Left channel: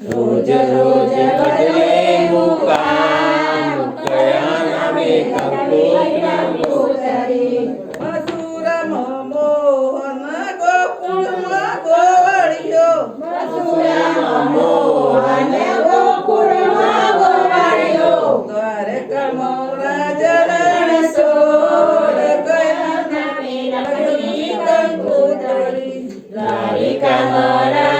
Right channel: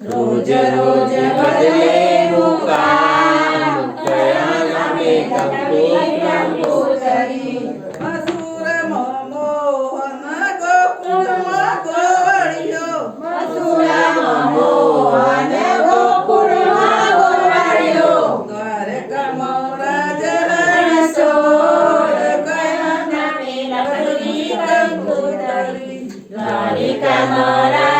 રોજ રોજ બદલે મુકામ કયા નામે કંકોતરી મથુરામાં મોહન ગોકુળમાં ગોવાળિયો મથુરામાં મોહન ગોકુળમાં ગોવાળિયો દ્વારકામાં રાજા રણછોડ કયા નામે લખી કંકોતરી દ્વારિકામાં દ્વારિકામાં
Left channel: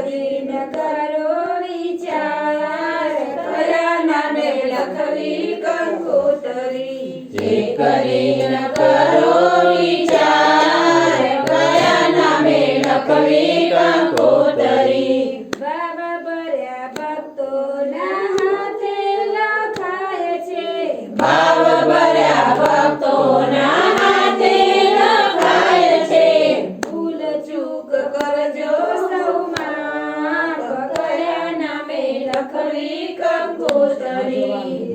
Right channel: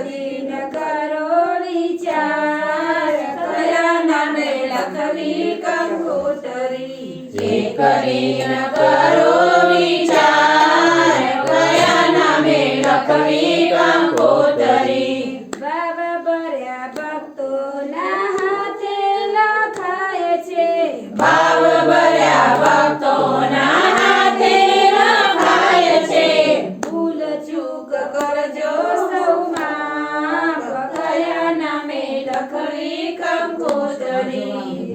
એક ન કરો વિચાર કયા નામે લખવી કંકોતરી જે કરીને કરો વિચાર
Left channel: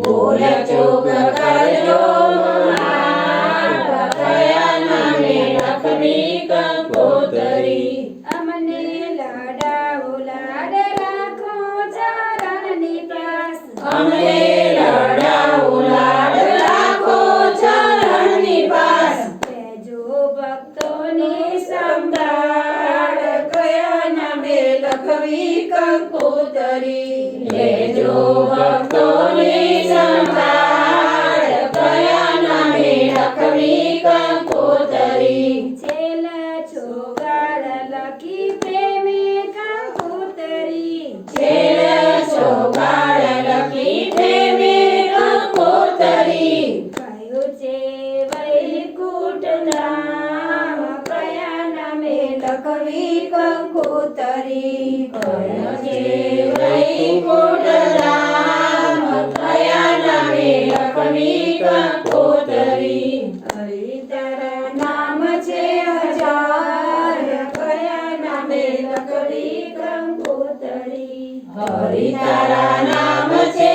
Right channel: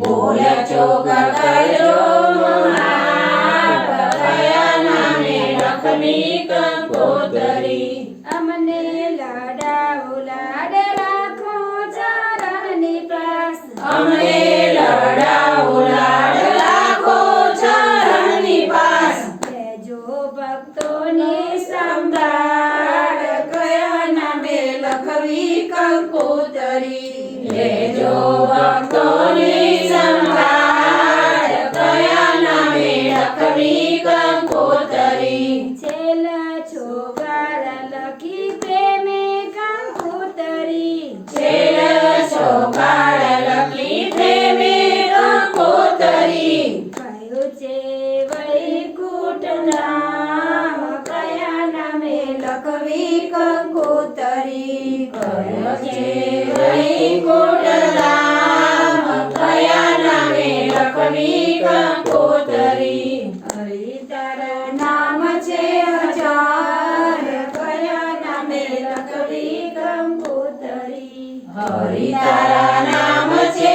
भूल जो दया नाने लखनी का पोतरी लाडा उलाड राखो चरणनी प्यास अमने लाडा उलाड राखो पास ते जो भक्तों ने संभाल कया नामे लखवी कंकोतरी ले जो લખવી કંકોતરી કયો છે કયા નામે કવિ કંકોતરી. હરિતારા નામ છે હજાર કયા નામે લખવી કંકોતરી. હરિ તારા નામ છે